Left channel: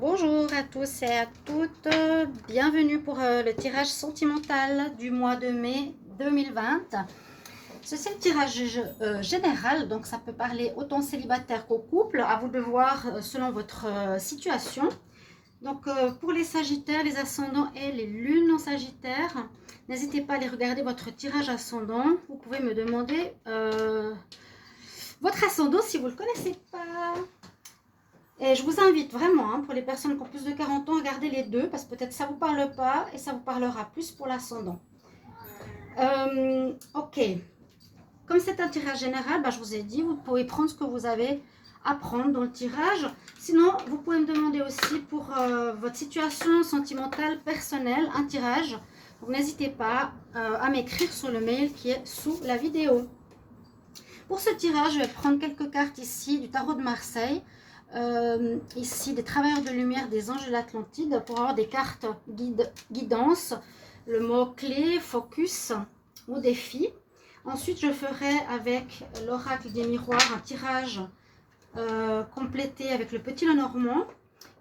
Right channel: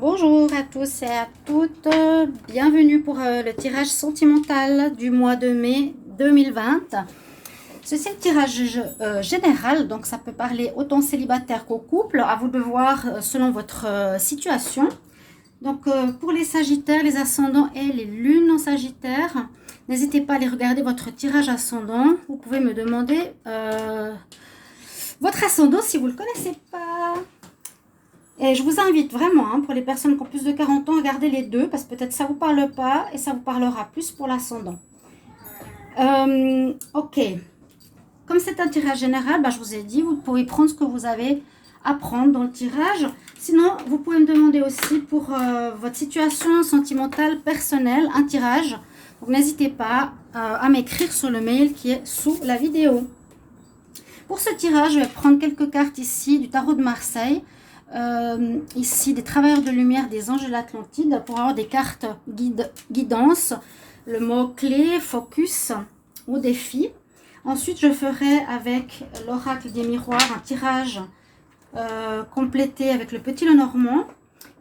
Bonjour à tous et à toutes, bienvenue pour le tirage sentimental du mois de mai 2020. Ceci est le tirage général, donc ça peut parler autant célibataire qu'au couple, à vous de voir selon votre situation. Donc pour les sagittaires, les ascendants et les lunes en sagittaire, n'hésitez pas à aller regarder votre tirage ascendant. Vous pouvez me demander votre ascendant si vous ne le connaissez pas. Et je vous invite vraiment, pour les personnes qui ont plus de 40 ans, à regarder les deux, parce que peut-être ça ne vous parle pas et ça vous parlera plus pour l'ascendant. Ok. Comme c'est un tirage général, je vous ai dit, vous pouvez prendre ce que vous avez à prendre dans le tirage. Sinon, vous pouvez me demander aussi pour votre situation sentimentale personnelle, un tirage. Donc n'hésitez pas à m'écrire sur le mail qui est sous la vidéo. Pour ce tirage, je vais prendre quelques cartes ici du tarot de Marseille. Ici des travailleurs de lumière des anges de l'Atlantide pour avoir des cartes guidance, le mot clé, focus au défi. Ensuite je ferai avec l'oracle des miroirs un tirage complété avec le petit Lenormand,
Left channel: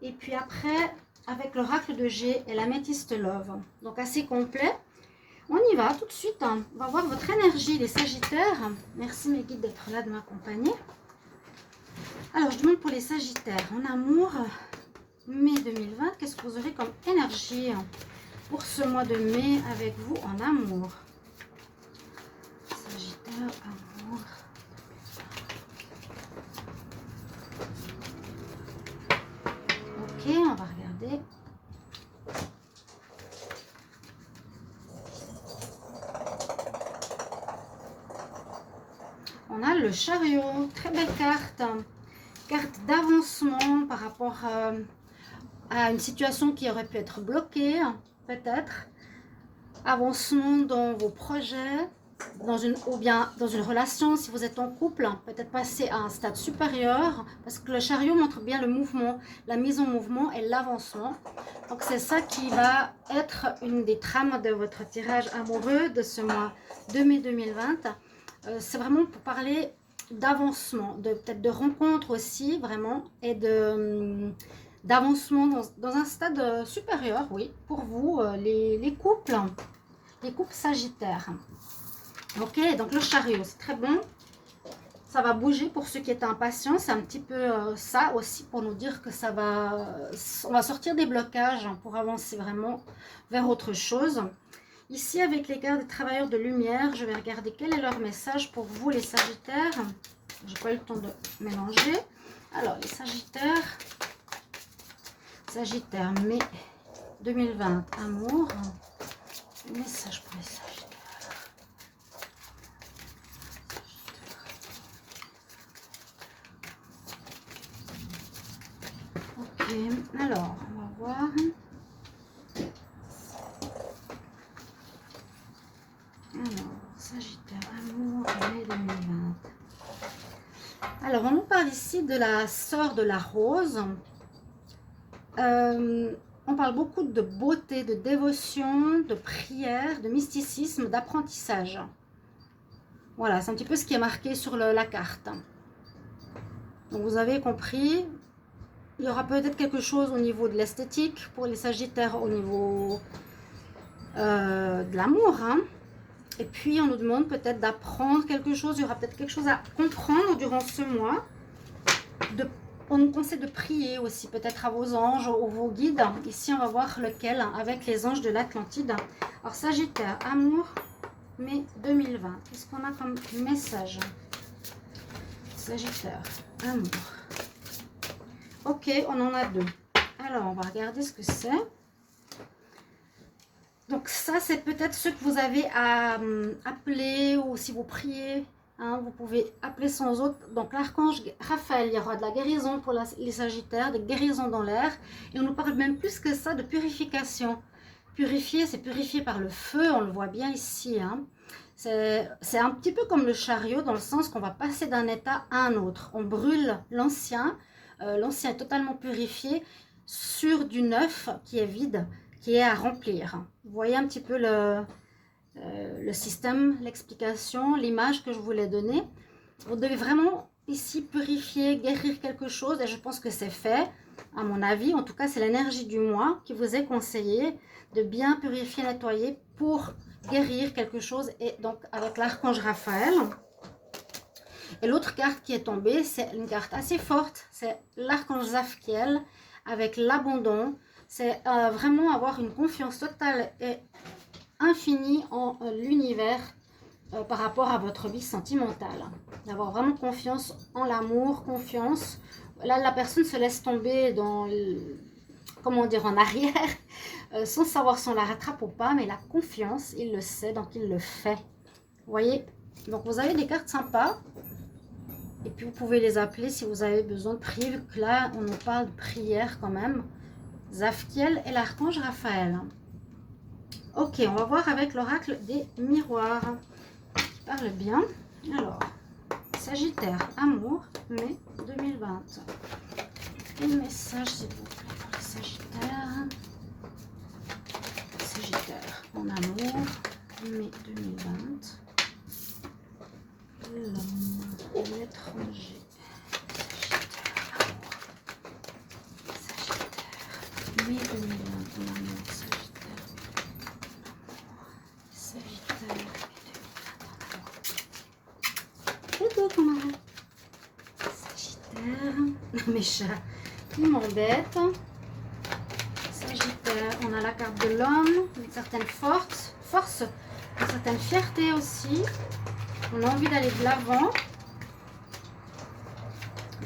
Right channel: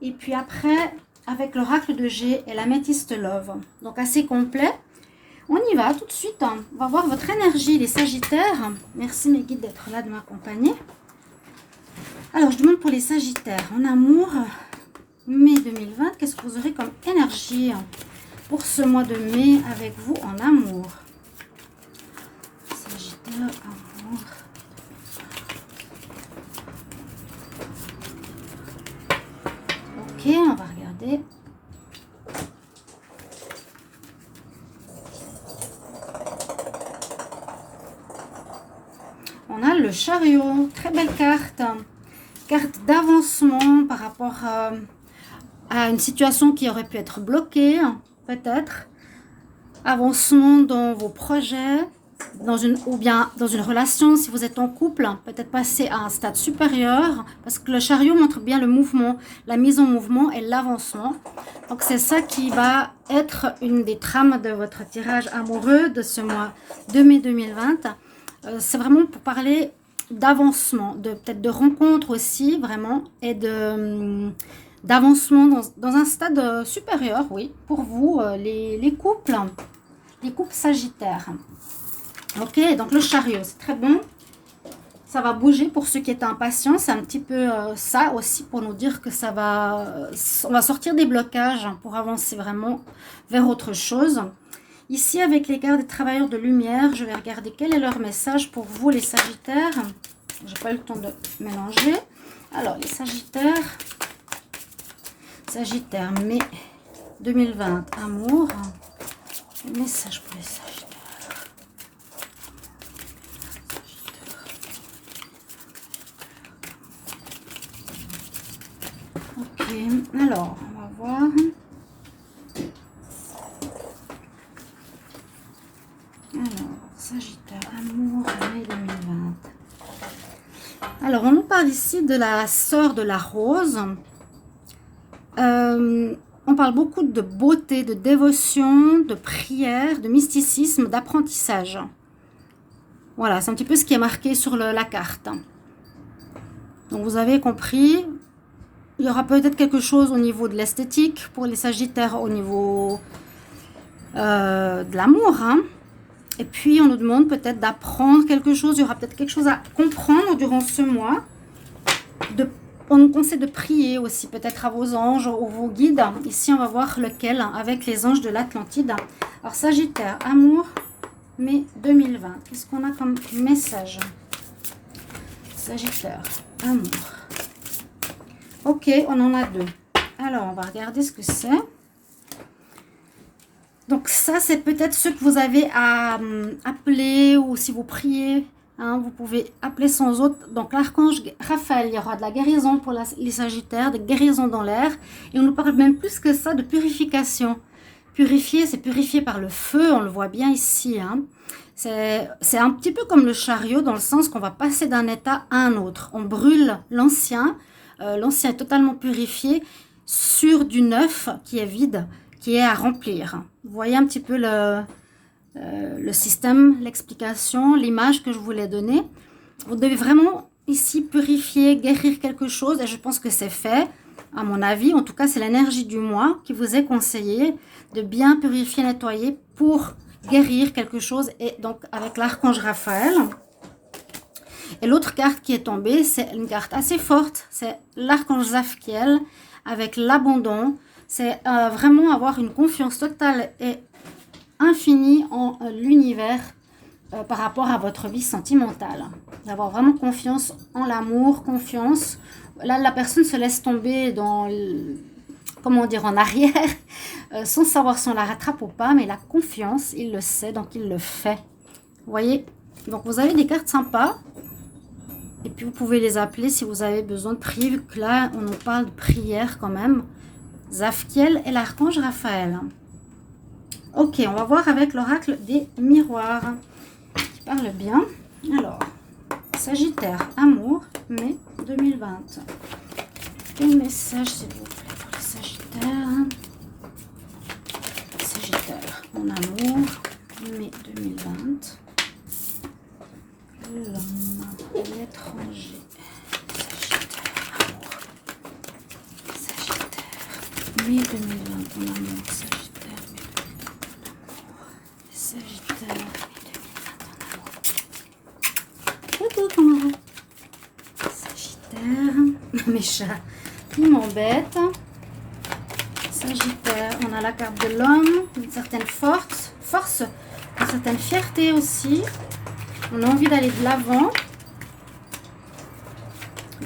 et puis après avec l'oracle de G et l'améthyste love, donc assez complet. On y va tout de suite, on va voir votre énergie les sagittaires. Merci mes guides d'être là, de m'accompagner. Alors, je demande pour les sagittaires en amour, mai 2020, qu'est-ce que vous aurez comme énergie pour ce mois de mai avec vous en amour? Sagittaire, amour. Ok, on va regarder. On a le chariot, très belle carte. Carte d'avancement par rapport à une situation qui aurait pu être bloquée, peut-être. Avancement dans vos projets, ou bien dans une relation, si vous êtes en couple, peut-être passer à un stade supérieur, parce que le chariot montre bien le mouvement, la mise en mouvement et l'avancement. Donc c'est ça qui va être une des trames de votre tirage amoureux de ce mois de mai 2020. C'est vraiment pour parler d'avancement, peut-être de rencontre aussi, vraiment, et d'avancement dans un stade supérieur, oui, pour vous, les couples sagittaires. Ok, donc le chariot, c'est très bon. Ça va bouger pour ceux qui étaient impatients. C'est un petit peu ça aussi pour nous dire que on va sortir des blocages pour avancer vraiment vers autre chose. Ici, avec les cartes des travailleurs de lumière, je vais regarder quel est leur message pour vous, les sagittaires. Je n'ai pas eu le temps de mélanger. Alors, les sagittaires. Sagittaire, mai 2020, amour. Message pour les sagittaires. Ok, alors, on va voir. Sagittaire, amour, mai 2020. Alors, on nous parle ici de la sœur de la rose. On parle beaucoup de beauté, de dévotion, de prière, de mysticisme, d'apprentissage. Voilà, c'est un petit peu ce qui est marqué sur la carte. Donc, vous avez compris, il y aura peut-être quelque chose au niveau de l'esthétique pour les sagittaires, au niveau de l'amour, Et puis, on nous demande peut-être d'apprendre quelque chose. Il y aura peut-être quelque chose à comprendre durant ce mois. On nous conseille de prier aussi, peut-être à vos anges ou vos guides. Ici, on va voir lequel, avec les anges de l'Atlantide. Alors, Sagittaire, amour, mai 2020. Qu'est-ce qu'on a comme message? Sagittaire, amour. Ok, on en a deux. Alors, on va regarder ce que c'est. Donc ça, c'est peut-être ce que vous avez à appeler, ou si vous priez, vous pouvez appeler sans autre. Donc l'archange Raphaël, il y aura de la guérison pour les sagittaires, de guérison dans l'air. Et on nous parle même plus que ça de purification. Purifier, c'est purifier par le feu, on le voit bien ici. C'est un petit peu comme le chariot, dans le sens qu'on va passer d'un état à un autre. On brûle l'ancien, l'ancien est totalement purifié sur du neuf qui est vide, qui est à remplir. Vous voyez un petit peu le système, l'explication, l'image que je voulais donner. Vous devez vraiment ici purifier, guérir quelque chose, et je pense que c'est fait. à mon avis. En tout cas, c'est l'énergie du mois qui vous est conseillée de bien purifier, nettoyer pour guérir quelque chose. Et donc, avec l'archange Raphaël. Et l'autre carte qui est tombée, c'est une carte assez forte. C'est l'archange Zadkiel avec l'abandon. C'est vraiment avoir une confiance totale et infinie en l'univers par rapport à votre vie sentimentale. D'avoir vraiment confiance en l'amour, confiance. Là, la personne se laisse tomber dans, comment dire, en arrière, sans savoir si on la rattrape ou pas, mais la confiance, il le sait, donc il le fait. Vous voyez? Donc vous avez des cartes sympas. Et puis vous pouvez les appeler si vous avez besoin de prier, vu que là, on nous parle de prière quand même. Zadkiel et l'archange Raphaël. Ok, on va voir avec l'oracle des miroirs, qui parle bien. Alors, Sagittaire, amour, mai 2020. Quel message, s'il vous plaît, pour les Sagittaires? Sagittaire, en amour, mai 2020. L'homme, l'étranger. Sagittaire, mai 2020, en amour, Sagittaire, mai 2020, Sagittaire, mai 2020, en amour. Sagittaire, mes chats, ils m'embêtent. Sagittaire, on a la carte de l'homme, une certaine force, une certaine fierté aussi. On a envie d'aller de l'avant.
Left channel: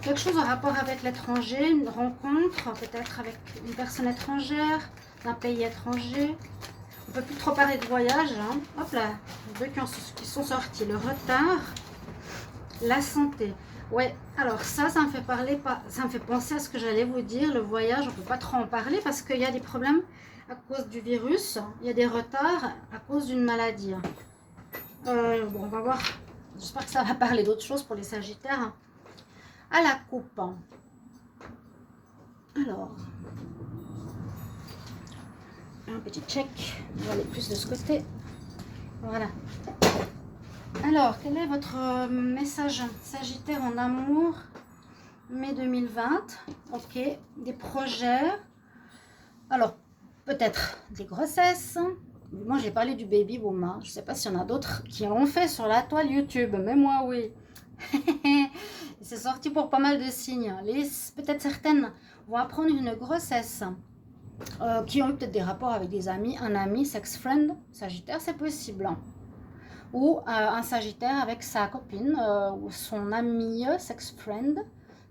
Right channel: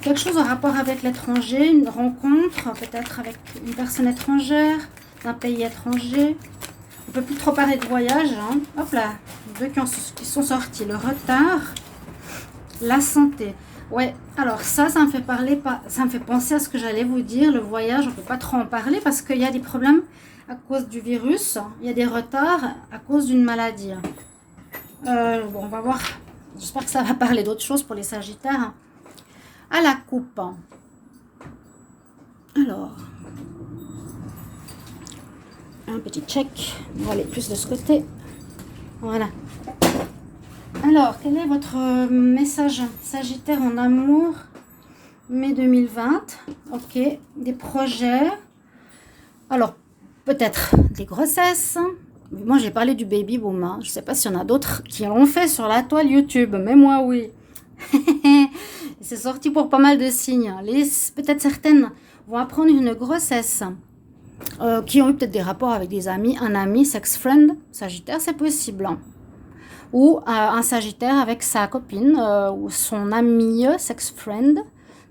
Quelque chose en rapport avec l'étranger, une rencontre, peut-être avec une personne étrangère, d'un pays étranger. On ne peut plus trop parler de voyage. Hein. Hop là, les deux qui sont sortis. Le retard, la santé. Ouais, alors ça me fait parler, ça me fait penser à ce que j'allais vous dire. Le voyage, on ne peut pas trop en parler parce qu'il y a des problèmes à cause du virus. Il y a des retards à cause d'une maladie. Bon, on va voir. J'espère que ça va parler d'autres choses pour les Sagittaires. À la coupe. Alors, un petit check. On va aller plus de ce côté. Voilà. Alors, quel est votre message Sagittaire en amour mai 2020? Ok, des projets. Alors, peut-être des grossesses. Moi, j'ai parlé du baby boom. Hein. Je ne sais pas s'il y en a d'autres qui l'ont fait sur la toile YouTube, mais moi, oui. C'est sorti pour pas mal de signes. Peut-être certaines vont apprendre une grossesse, qui ont eu peut-être des rapports avec des amis, un ami, sex friend, Sagittaire, c'est possible. Hein. Ou un Sagittaire avec sa copine ou son ami, sex friend.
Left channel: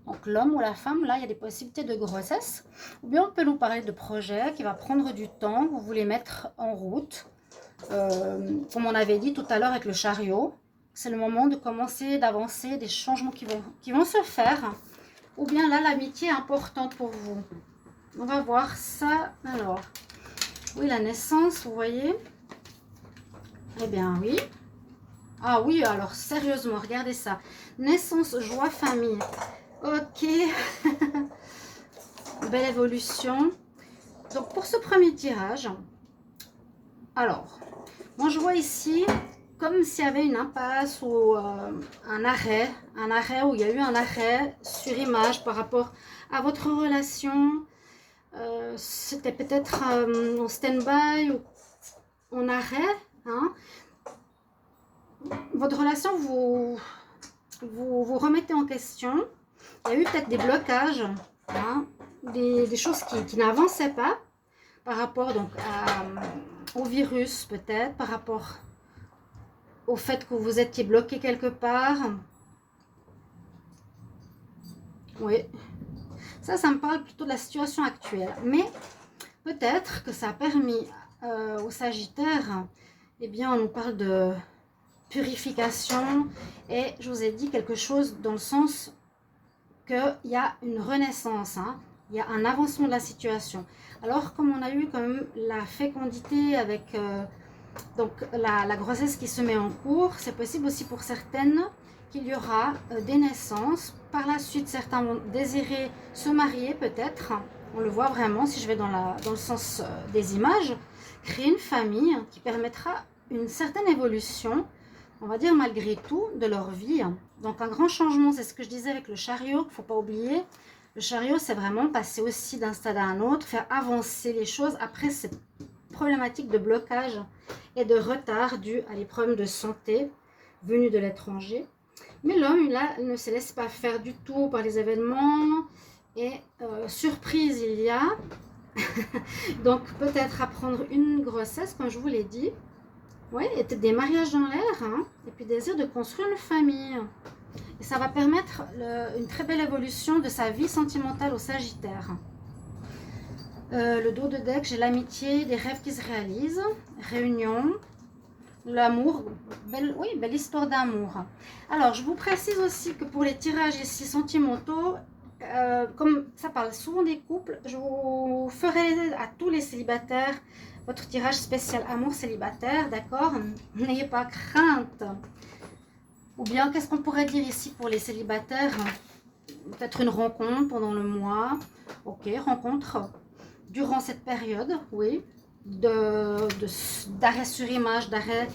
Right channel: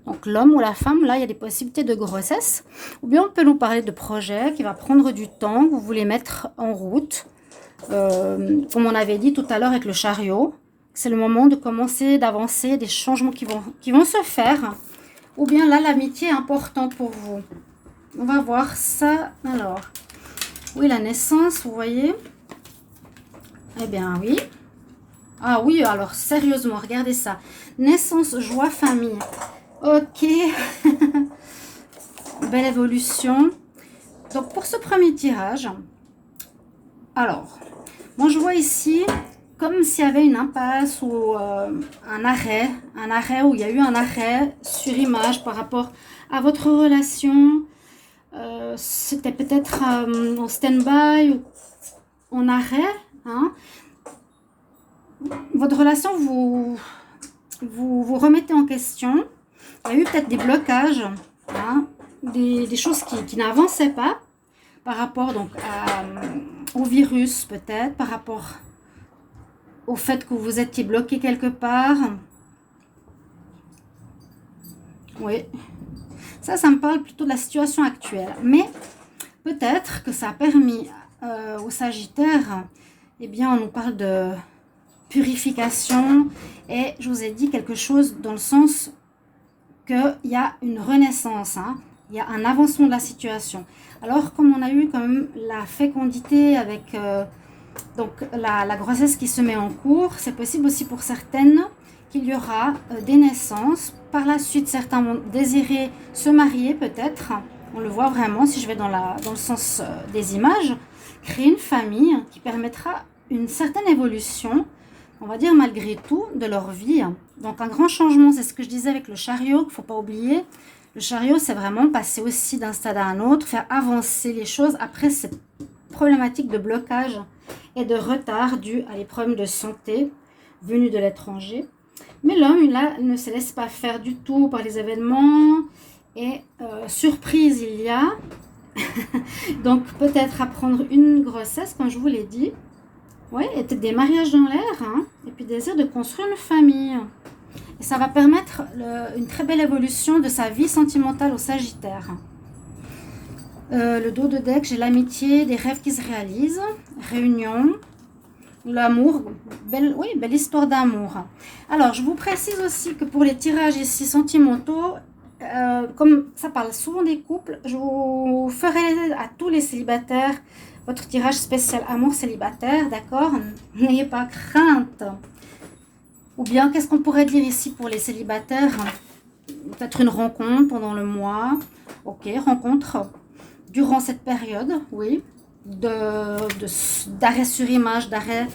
Donc l'homme ou la femme, là, il y a des possibilités de grossesse. Ou bien on peut nous parler de projets qui va prendre du temps, que vous voulez mettre en route. Comme on avait dit tout à l'heure avec le chariot, c'est le moment de commencer, d'avancer, des changements qui vont se faire. Ou bien là, l'amitié est importante pour vous. On va voir ça. Alors, oui, la naissance, vous voyez. Eh bien, oui. Ah oui, alors sérieusement, regardez ça. Naissance, joie, famille. Ok. Belle évolution. Donc, pour ce premier tirage, alors, moi je vois ici comme s'il y avait une impasse ou un arrêt où il y a eu un arrêt sur image par rapport à votre relation. C'était peut-être en stand-by ou en arrêt. Hein. Votre relation, vous remettez en question. Il y a eu peut-être des blocages, hein, des choses qui n'avançaient pas par rapport donc, au virus peut-être, par rapport au fait que vous étiez bloqué quelque part. Oui, ça me parle plutôt de la situation actuelle. Mais peut-être que ça a permis aux Sagittaires, eh bien on nous parle de purification. Et je vous ai dit quelque chose dans le sens qu'il y a une renaissance, hein, il y a un avancement de la situation. Alors comme on a eu quand même la fécondité avec donc la grossesse qui se met en cours, c'est possible aussi pour certaines qu'il y aura des naissances. Par la suite, certains vont désirer se marier peut-être, on le voit vraiment si je vais dans le sens des images, créer une famille qui permettra une certaine évolution, on va dire malgré tout, de leur vie. Donc un grand changement, c'est ce que je disais avec le chariot, qu'il ne faut pas oublier. Le chariot, c'est vraiment passer aussi d'un stade à un autre, faire avancer les choses après cette problématique de blocage et de retard dû à des problèmes de santé venus de l'étranger. Mais l'homme, là, ne se laisse pas faire du tout par les événements. Et surprise, il y a. Donc, peut-être apprendre une grossesse, comme je vous l'ai dit. Oui, et peut-être des mariages dans l'air. Hein, et puis, désir de construire une famille. Et ça va permettre une très belle évolution de sa vie sentimentale au Sagittaire. Le dos de deck, j'ai l'amitié, des rêves qui se réalisent. Réunion. L'amour, oui, belle histoire d'amour. Alors, je vous précise aussi que pour les tirages ici sentimentaux, comme ça parle souvent des couples, je vous ferai à tous les célibataires votre tirage spécial amour célibataire, d'accord? N'ayez pas crainte. Ou bien, qu'est-ce qu'on pourrait dire ici pour les célibataires? Peut-être une rencontre pendant le mois. Ok, rencontre durant cette période, oui. D'arrêt sur image, d'arrêt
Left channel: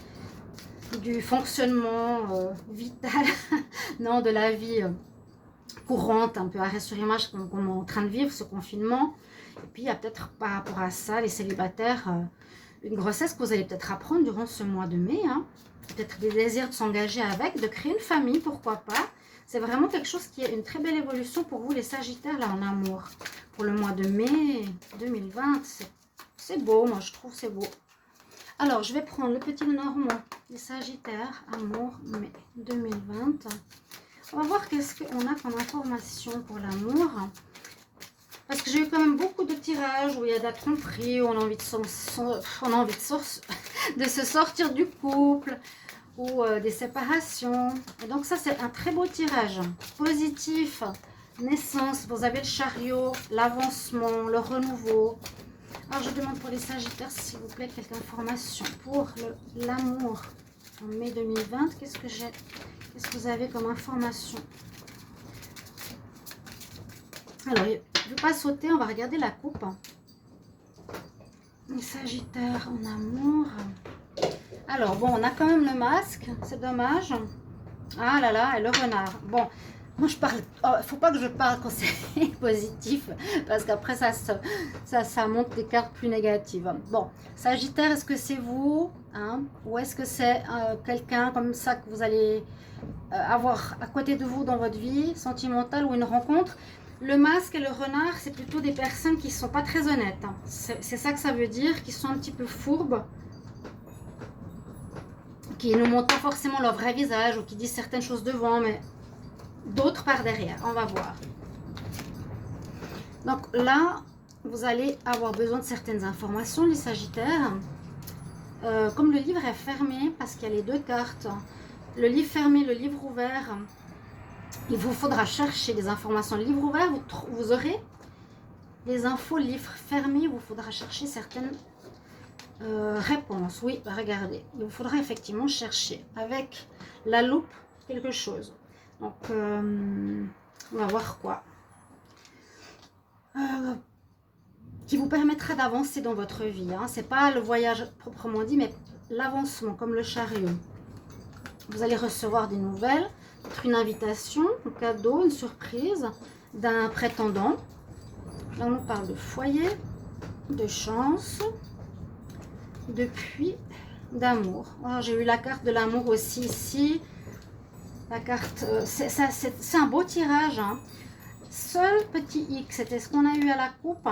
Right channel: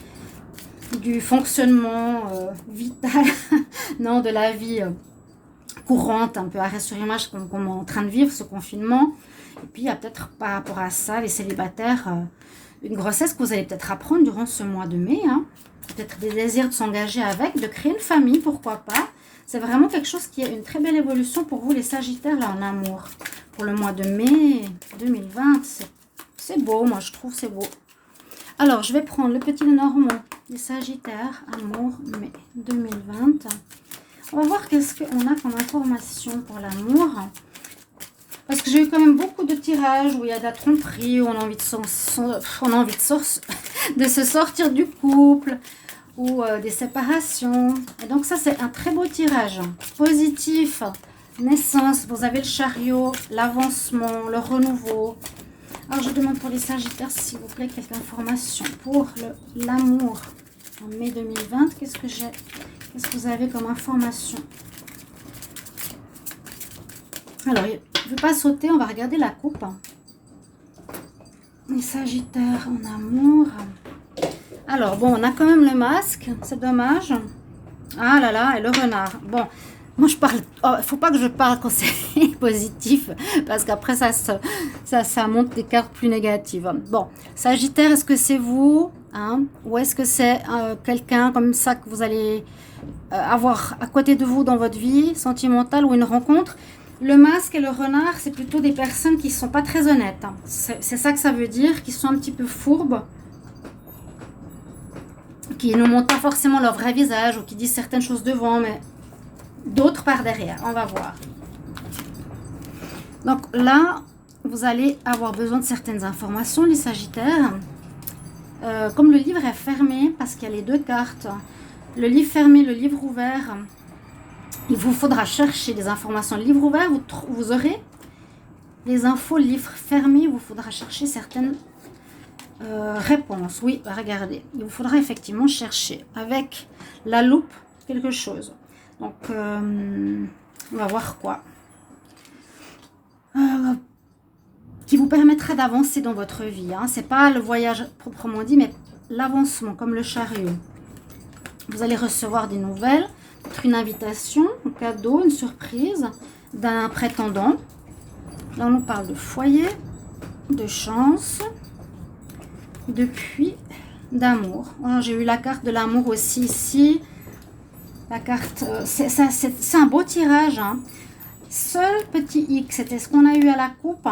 du fonctionnement vital, non, de la vie courante, un peu arrêt sur image comme on est en train de vivre ce confinement. Et puis il y a peut-être par rapport à ça, les célibataires, une grossesse que vous allez peut-être apprendre durant ce mois de mai, hein. Peut-être des désirs de s'engager avec, de créer une famille, pourquoi pas. C'est vraiment quelque chose qui est une très belle évolution pour vous les Sagittaires là en amour. Pour le mois de mai 2020, c'est beau, moi je trouve c'est beau. Alors, je vais prendre le petit Normand, les Sagittaires, amour, mai 2020. On va voir qu'est-ce qu'on a comme information pour l'amour. Parce que j'ai eu quand même beaucoup de tirages où il y a de la tromperie, où on a envie de, de se sortir du couple, ou des séparations. Et donc ça, c'est un très beau tirage. Positif, naissance, vous avez le chariot, l'avancement, le renouveau. Alors, je demande pour les Sagittaires, s'il vous plaît, quelques informations pour l'amour en mai 2020. Qu'est-ce que j'ai? Qu'est-ce que vous avez comme information? Alors, je ne vais pas sauter, on va regarder la coupe. Les Sagittaires en amour. Alors, bon, on a quand même le masque, c'est dommage. Ah là là, et le renard. Bon, moi je parle, il faut pas que je parle quand c'est positif, parce qu'après ça monte des cartes plus négatives. Bon, Sagittaire, est-ce que c'est vous, hein, ou est-ce que c'est quelqu'un comme ça que vous allez avoir à côté de vous dans votre vie sentimentale ou une rencontre? Le masque et le renard, c'est plutôt des personnes qui ne sont pas très honnêtes. Hein. C'est ça que ça veut dire, qui sont un petit peu fourbes, qui ne montrent pas forcément leur vrai visage ou qui disent certaines choses devant, mais d'autres par derrière. On va voir. Donc là, vous allez avoir besoin de certaines informations, les Sagittaires. Comme le livre est fermé, parce qu'il y a les deux cartes, le livre fermé, le livre ouvert, il vous faudra chercher des informations. Le livre ouvert, vous aurez les infos. Le livre fermé, il vous faudra chercher certaines réponses. Oui, regardez, il vous faudra effectivement chercher avec la loupe quelque chose. Donc, on va voir quoi. Qui vous permettra d'avancer dans votre vie. Hein. Ce n'est pas le voyage proprement dit, mais l'avancement, comme le chariot. Vous allez recevoir des nouvelles, une invitation, un cadeau, une surprise d'un prétendant. Là, on nous parle de foyer, de chance, de puits, d'amour. J'ai eu la carte de l'amour aussi ici. La carte, c'est un beau tirage. Hein. Seul petit X, c'était ce qu'on a eu à la coupe.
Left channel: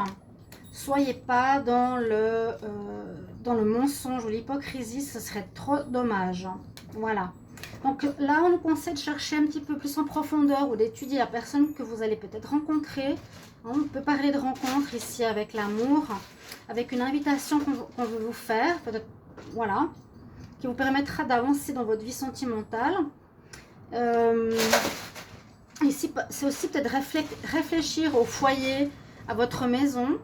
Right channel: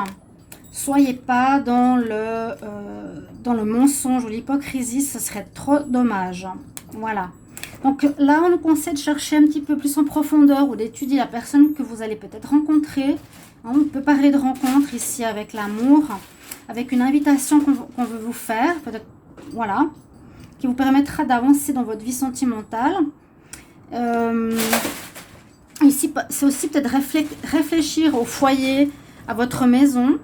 Soyez pas dans le mensonge ou l'hypocrisie, ce serait trop dommage. Voilà. Donc là, on nous conseille de chercher un petit peu plus en profondeur ou d'étudier la personne que vous allez peut-être rencontrer. On peut parler de rencontre ici avec l'amour, avec une invitation qu'on veut vous faire, peut-être, voilà, qui vous permettra d'avancer dans votre vie sentimentale. Ici, c'est aussi peut-être réfléchir au foyer, à votre maison,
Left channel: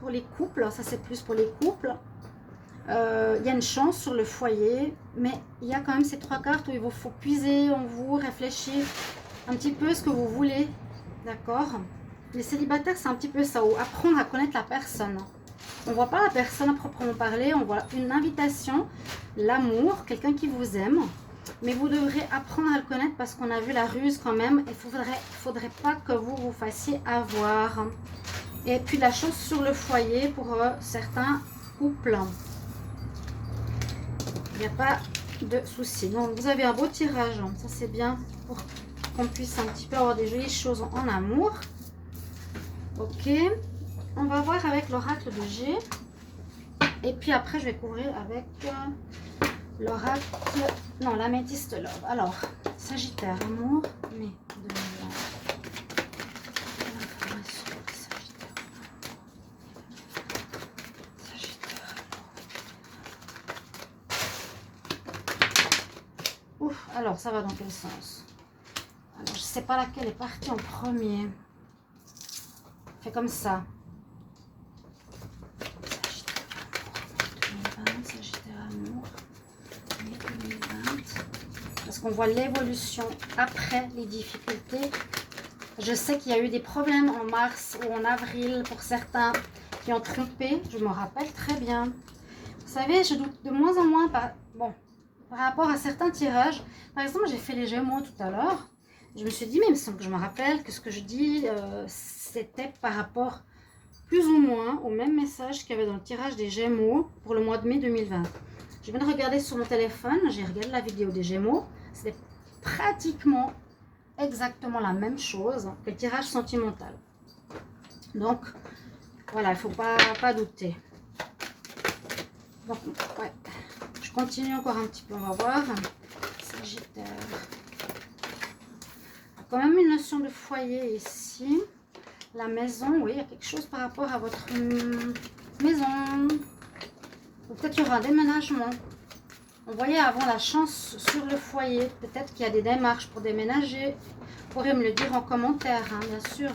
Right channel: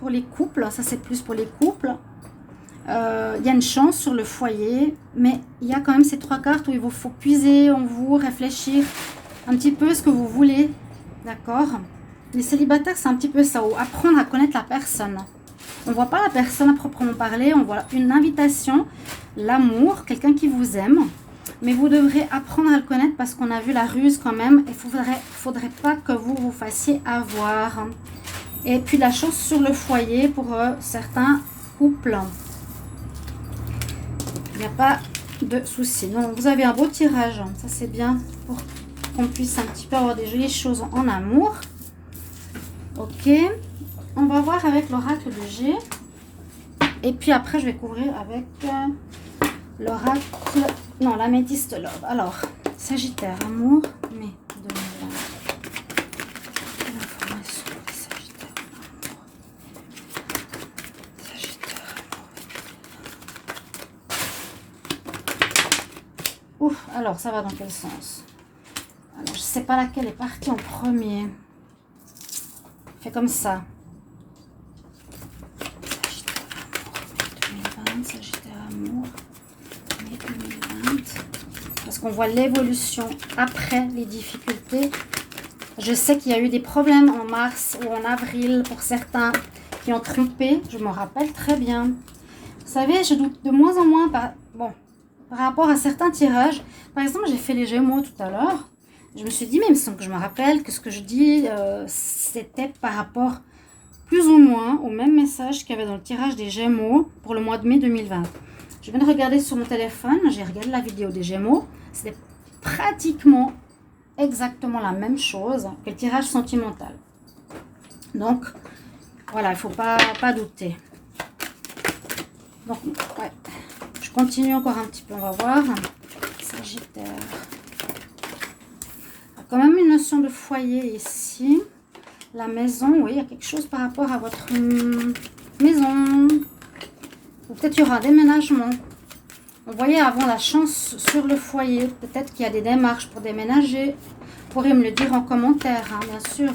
pour les couples. Ça, c'est plus pour les couples. Il y a une chance sur le foyer, mais il y a quand même ces trois cartes où il vous faut puiser en vous, réfléchir un petit peu ce que vous voulez, d'accord? Les célibataires, c'est un petit peu ça, ou apprendre à connaître la personne. On ne voit pas la personne à proprement parler, on voit une invitation, l'amour, quelqu'un qui vous aime, Mais vous devrez apprendre à le connaître parce qu'on a vu la ruse quand même. Il ne faudrait pas que vous vous fassiez avoir. Et puis la chose sur le foyer pour certains couples. Il n'y a pas de souci. Donc vous avez un beau tirage. Ça c'est bien pour qu'on puisse un petit peu avoir des jolies choses en amour. Ok. On va voir avec l'oracle de G. Et puis après, je vais couvrir avec l'oracle, non, l'améthyste love. Alors, Sagittaire, amour, mai 2020. L'information de Sagittaire, amour. Sagittaire, amour. Ouf, alors ça va dans quel sens? Alors, je ne sais pas laquelle est partie en premier. Fait comme ça. Parce qu'on voit l'évolution après les difficultés. Je sais qu'il y a eu des problèmes en mars ou en avril pour certains qui ont trompé. Je me rappelle très bien. Vous savez, je doute de moins en moins par rapport à certains tirages. Par exemple, j'ai fait les Gémeaux tout à l'heure. Je me suis dit, mais il me semble que je me rappelle que ce que je dis, c'était par rapport plus ou moins au même message qu'il y avait dans le tirage des Gémeaux pour le mois de mai 2020. Je viens de regarder sur mon téléphone, j'ai regardé la vidéo des Gémeaux. C'était pratiquement exactement la même chose que le tirage sentimental. Donc, voilà, il ne faut pas douter. Donc, ouais, je continue encore un petit peu, on va voir. Sagittaire. Quand même une notion de foyer ici. La maison, oui, il y a quelque chose par rapport à votre maison. Ou peut-être il y aura un déménagement. On voyait avant la chance sur le foyer. Peut-être qu'il y a des démarches pour déménager. Vous pourrez me le dire en commentaire, hein, bien sûr.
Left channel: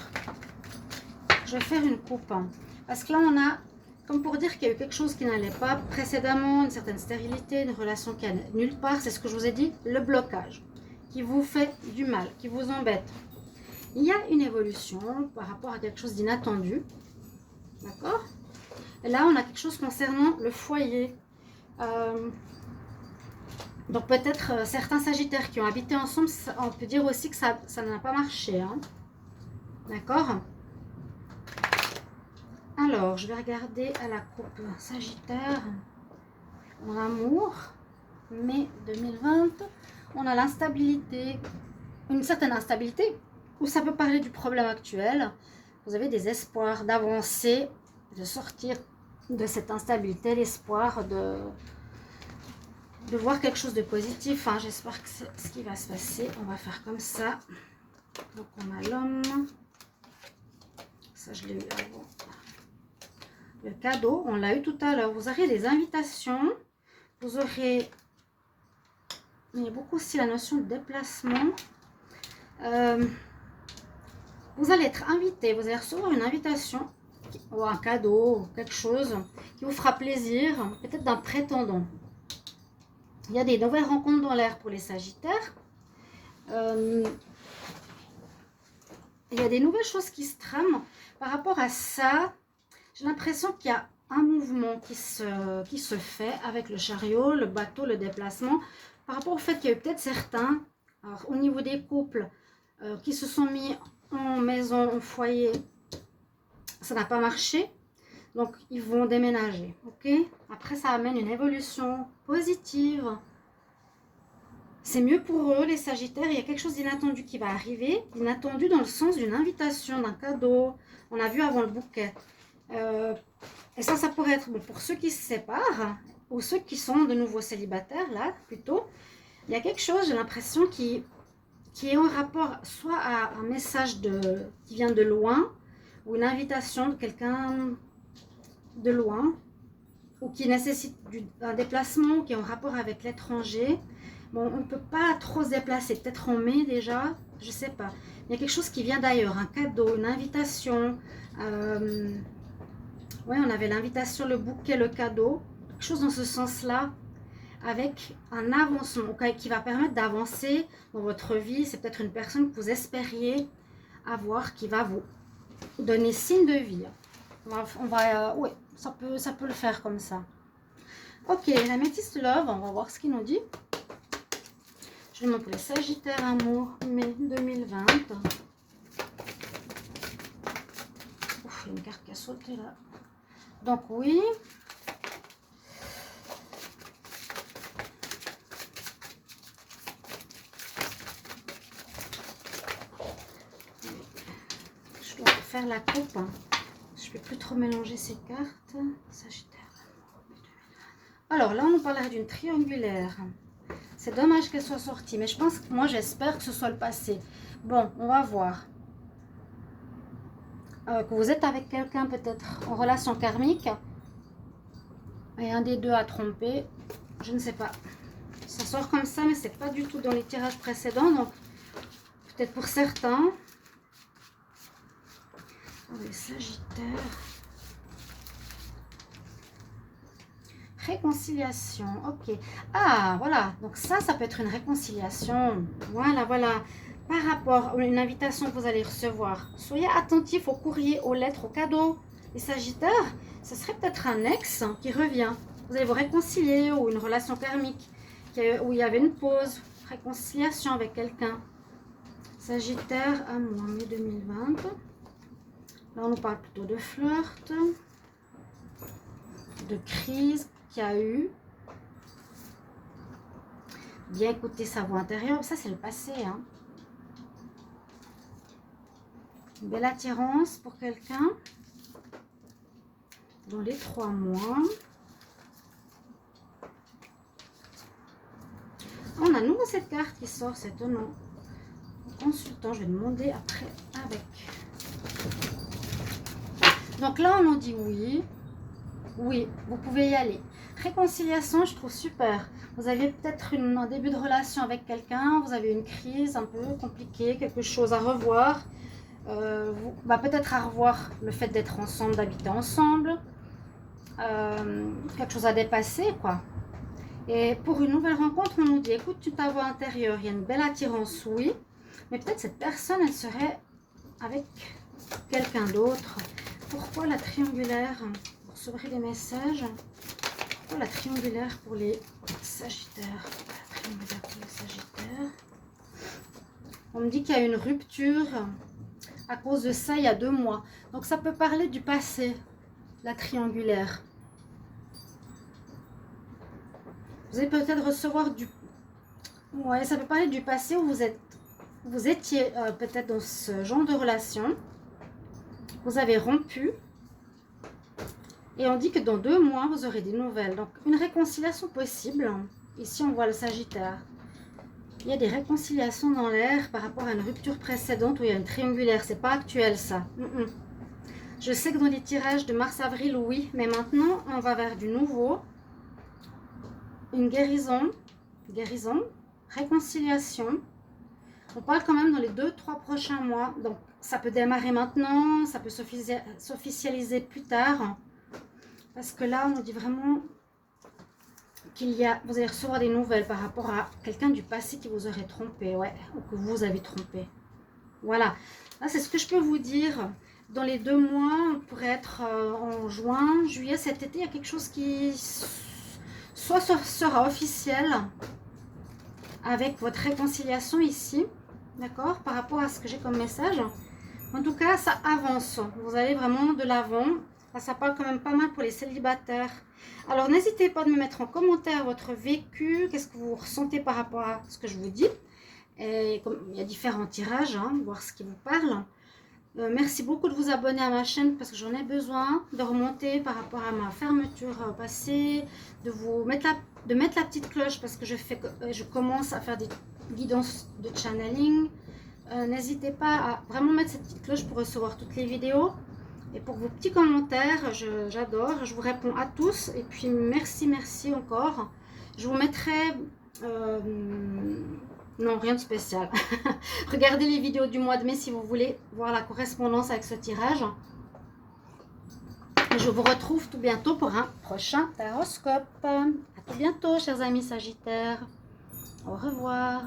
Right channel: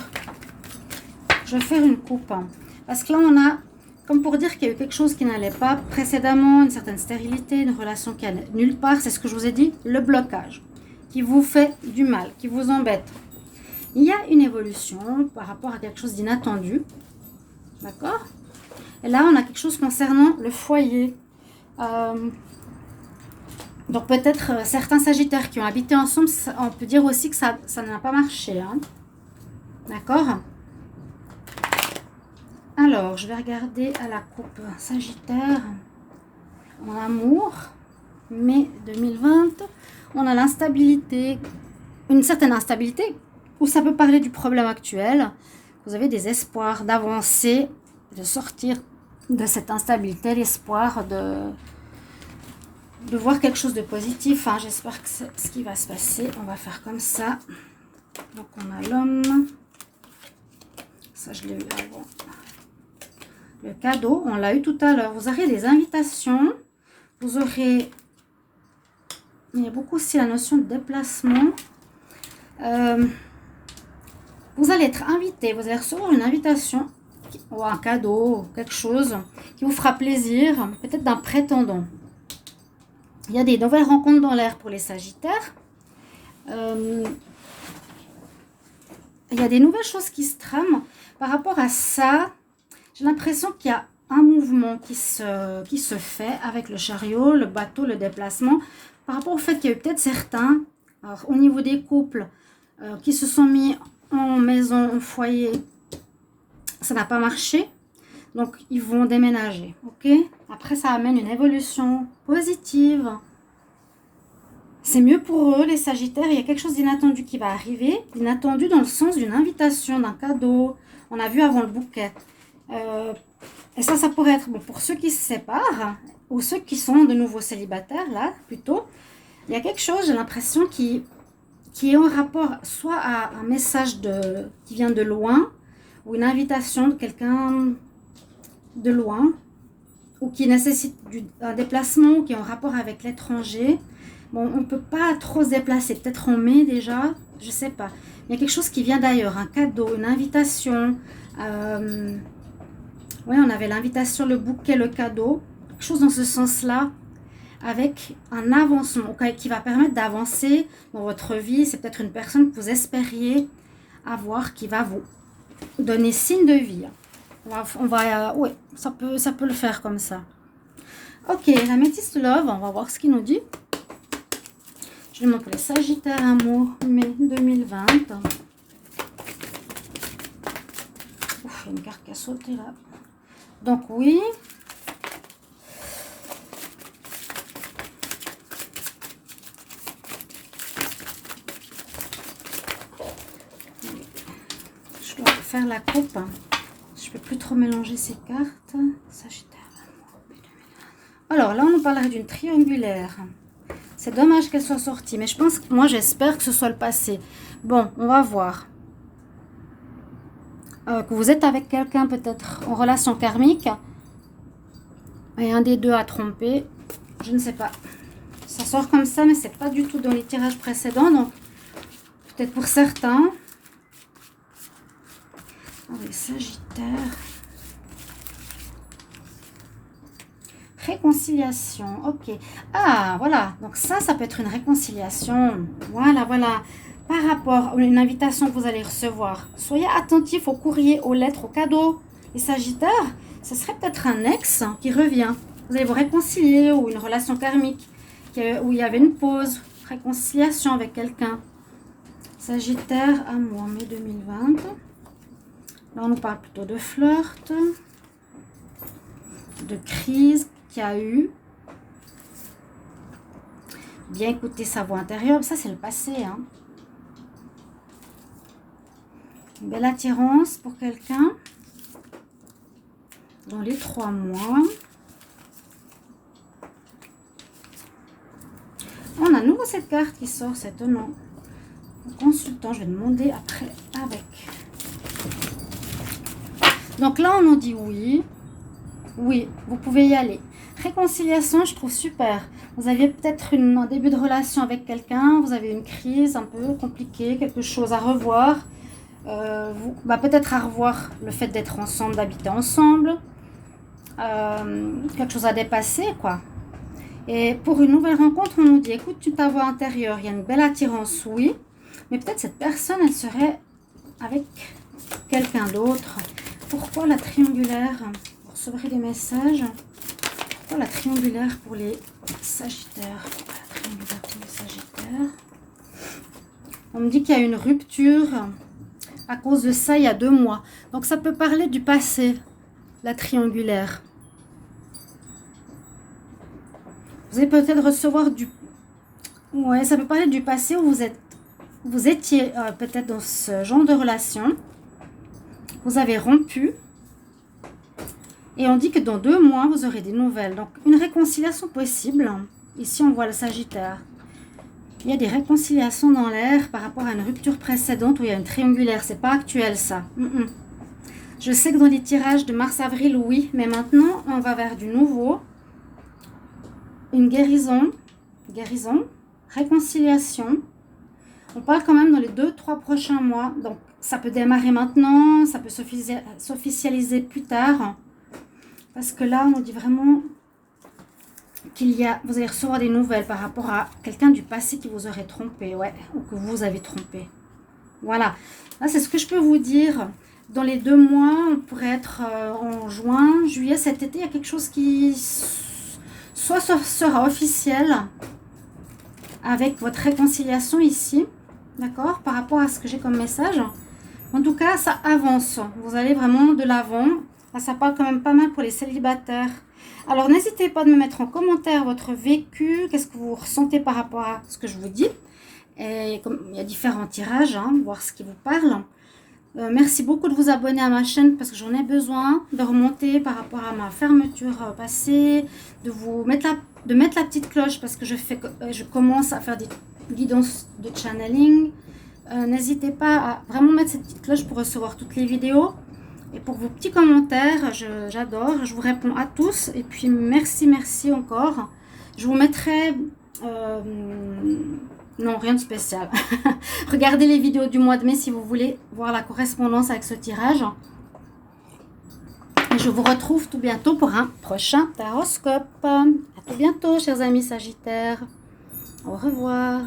Je vais faire une coupe. Hein, parce que là, on a, comme pour dire qu'il y a eu quelque chose qui n'allait pas précédemment, une certaine stérilité, une relation qui allait nulle part. C'est ce que je vous ai dit, le blocage qui vous fait du mal, qui vous embête. Il y a une évolution par rapport à quelque chose d'inattendu. D'accord? Et là, on a quelque chose concernant le foyer. Donc, peut-être certains Sagittaires qui ont habité ensemble, on peut dire aussi que ça n'a pas marché. Hein? D'accord? Alors, je vais regarder à la coupe Sagittaire. En amour, mai 2020. On a l'instabilité, une certaine instabilité, où ça peut parler du problème actuel. Vous avez des espoirs d'avancer, de sortir de cette instabilité, l'espoir de voir quelque chose de positif. Hein. J'espère que c'est ce qui va se passer. On va faire comme ça. Donc on a l'homme. Ça, je l'ai eu avant. Le cadeau, on l'a eu tout à l'heure. Vous aurez des invitations. Vous aurez... Il y a beaucoup aussi la notion de déplacement. Vous allez être invité. Vous allez recevoir une invitation ou un cadeau, quelque chose qui vous fera plaisir. Peut-être d'un prétendant. Il y a des nouvelles rencontres dans l'air pour les Sagittaires. Il y a des nouvelles choses qui se trament. Par rapport à ça, j'ai l'impression qu'il y a un mouvement qui se fait avec le chariot, le bateau, le déplacement. Par rapport au fait qu'il y a eu peut-être certains, alors, au niveau des couples, qui se sont mis en maison, en foyer, ça n'a pas marché. Donc, ils vont déménager. Ok? Après, ça amène une évolution positive. C'est mieux pour eux, les Sagittaires. Il y a quelque chose d'inattendu qui va arriver. Inattendu dans le sens d'une invitation, d'un cadeau. On a vu avant le bouquet. Et ça pourrait être bon, pour ceux qui se séparent ou ceux qui sont de nouveau célibataires, là, plutôt. Il y a quelque chose, j'ai l'impression, qui est en rapport soit à un message qui vient de loin ou une invitation de quelqu'un de loin ou qui nécessite un déplacement ou qui est en rapport avec l'étranger. Bon, on ne peut pas trop se déplacer, peut-être en mai déjà, je ne sais pas. Il y a quelque chose qui vient d'ailleurs, un cadeau, une invitation. Oui, on avait l'invitation, le bouquet, le cadeau, quelque chose dans ce sens-là, avec un avancement qui va permettre d'avancer dans votre vie. C'est peut-être une personne que vous espériez avoir qui va vous donner signe de vie. Oui, ça peut le faire comme ça. Ok, la métisse love, on va voir ce qu'il nous dit. Je demande pour les Sagittaires, amour, mai 2020. Ouf, il y a une carte qui a sauté là. Donc oui. Je dois faire la coupe. Je ne peux plus trop mélanger ces cartes. Sagittaire. Alors là, on nous parlerait d'une triangulaire. C'est dommage qu'elle soit sortie, mais je pense, moi j'espère que ce soit le passé. Bon, on va voir. Que vous êtes avec quelqu'un peut-être en relation karmique. Et un des deux a trompé. Je ne sais pas. Ça sort comme ça, mais c'est pas du tout dans les tirages précédents. Donc, peut-être pour certains. Les Sagittaires. Réconciliation, ok. Ah, voilà. Donc ça peut être une réconciliation. Voilà, voilà. Par rapport à une invitation que vous allez recevoir, soyez attentifs au courrier, aux lettres, aux cadeaux. Les Sagittaires, ce serait peut-être un ex qui revient. Vous allez vous réconcilier ou une relation karmique où il y avait une pause, réconciliation avec quelqu'un. Sagittaire, amour, mai 2020. Là, on nous parle plutôt de flirt, de crise qu'il y a eu. Bien écouter sa voix intérieure, ça c'est le passé. Hein. Une belle attirance pour quelqu'un dans les 3 mois. On a à nouveau cette carte qui sort, c'est étonnant. Consultant, je vais demander après avec. Donc là, on nous dit oui. Oui, vous pouvez y aller. Réconciliation, je trouve super. Vous aviez peut-être un début de relation avec quelqu'un, vous avez une crise un peu compliquée, quelque chose à revoir. Peut-être à revoir le fait d'être ensemble, d'habiter ensemble. Quelque chose à dépasser, quoi. Et pour une nouvelle rencontre, on nous dit, écoute, ta voix intérieure, il y a une belle attirance, oui. Mais peut-être cette personne, elle serait avec quelqu'un d'autre. Pourquoi la triangulaire? Vous recevrez des messages. Pourquoi la triangulaire pour les Sagittaires? La triangulaire pour les Sagittaires. On me dit qu'il y a une rupture à cause de ça il y a 2 mois. Donc ça peut parler du passé, la triangulaire. Vous allez peut-être recevoir du... Ouais, ça peut parler du passé où vous étiez peut-être dans ce genre de relation. Vous avez rompu. Et on dit que dans 2 mois, vous aurez des nouvelles. Donc, une réconciliation possible. Ici, on voit le Sagittaire. Il y a des réconciliations dans l'air par rapport à une rupture précédente où il y a une triangulaire. C'est pas actuel, ça. Je sais que dans les tirages de mars-avril, oui. Mais maintenant, on va vers du nouveau. Une guérison. Guérison. Réconciliation. On parle quand même dans les 2-3 prochains mois. Donc, ça peut démarrer maintenant. Ça peut s'officialiser plus tard. Parce que là, on dit vraiment vous allez recevoir des nouvelles par rapport à quelqu'un du passé qui vous aurait trompé, ouais, ou que vous avez trompé. Voilà. Là, c'est ce que je peux vous dire. Dans les 2 mois, on pourrait être en juin, juillet, cet été, il y a quelque chose qui soit sera officiel avec votre réconciliation ici, d'accord, par rapport à ce que j'ai comme message. En tout cas, ça avance. Vous allez vraiment de l'avant. Là, ça parle quand même pas mal pour les célibataires. Alors, n'hésitez pas de me mettre en commentaire votre vécu. Qu'est-ce que vous ressentez par rapport à ce que je vous dis. Et comme il y a différents tirages, hein, voir ce qui vous parle. Merci beaucoup de vous abonner à ma chaîne parce que j'en ai besoin. De remonter par rapport à ma fermeture passée. De mettre la petite cloche parce que je commence à faire des guidances de channeling. N'hésitez pas à vraiment mettre cette petite cloche pour recevoir toutes les vidéos. Et pour vos petits commentaires, j'adore. Je vous réponds à tous. Et puis, merci encore. Je vous mettrai... non, rien de spécial. Regardez les vidéos du mois de mai si vous voulez voir la correspondance avec ce tirage. Et je vous retrouve tout bientôt pour un prochain taroscope. À tout bientôt, chers amis Sagittaires. Au revoir.